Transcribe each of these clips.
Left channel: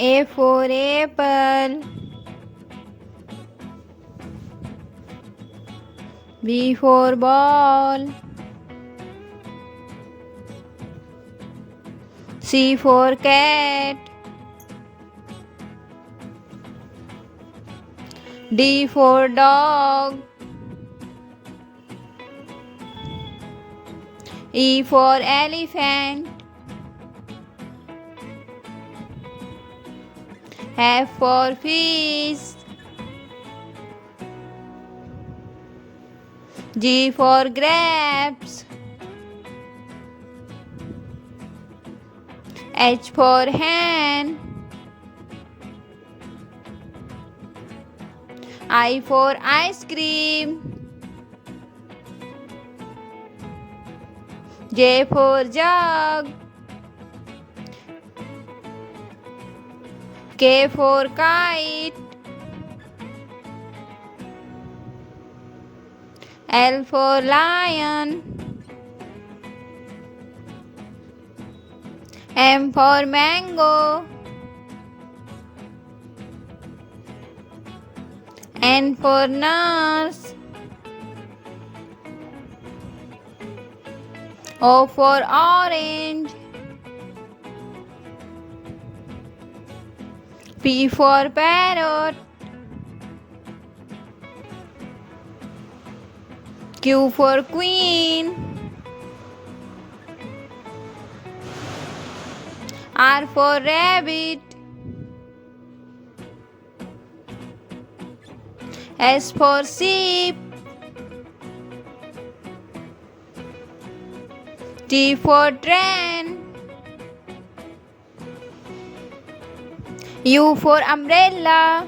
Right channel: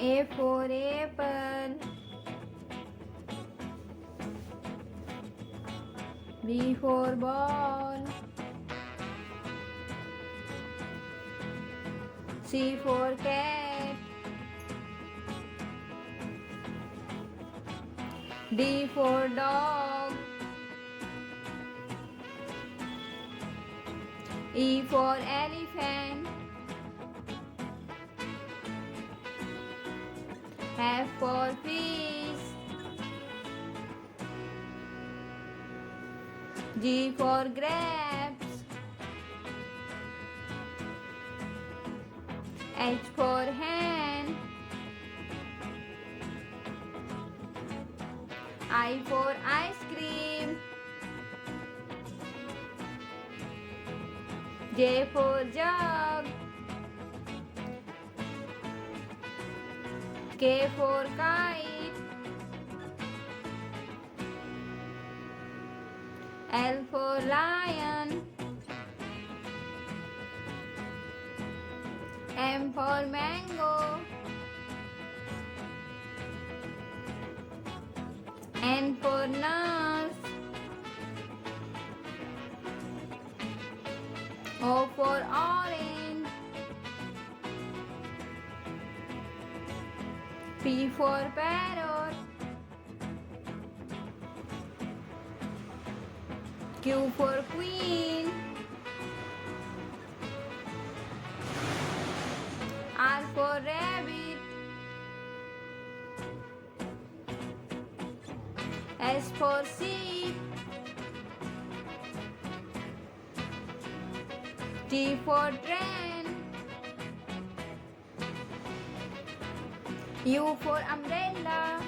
A for apple. B for ball. C for cat. D for dog. E for elephant. F for fish. G for grapes. H for hen. I for ice cream. J for jug. K for kite. L for lion. M for mango. N for nurse. O for orange. P for parrot. Q for queen. R for rabbit. S for sheep. T for train. U for umbrella.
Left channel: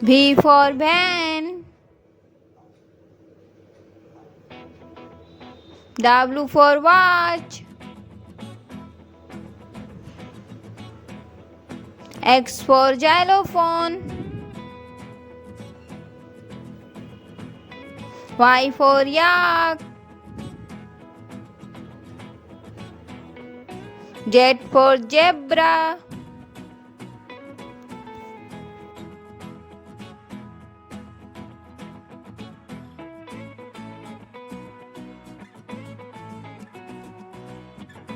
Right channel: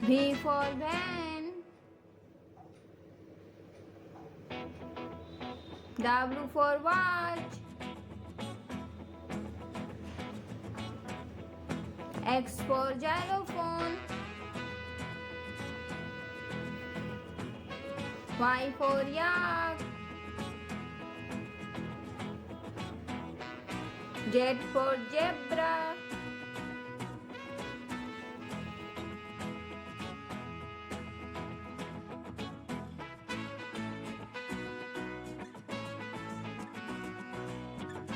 V for van. W for watch. X for xylophone. Y for yak. Z for zebra.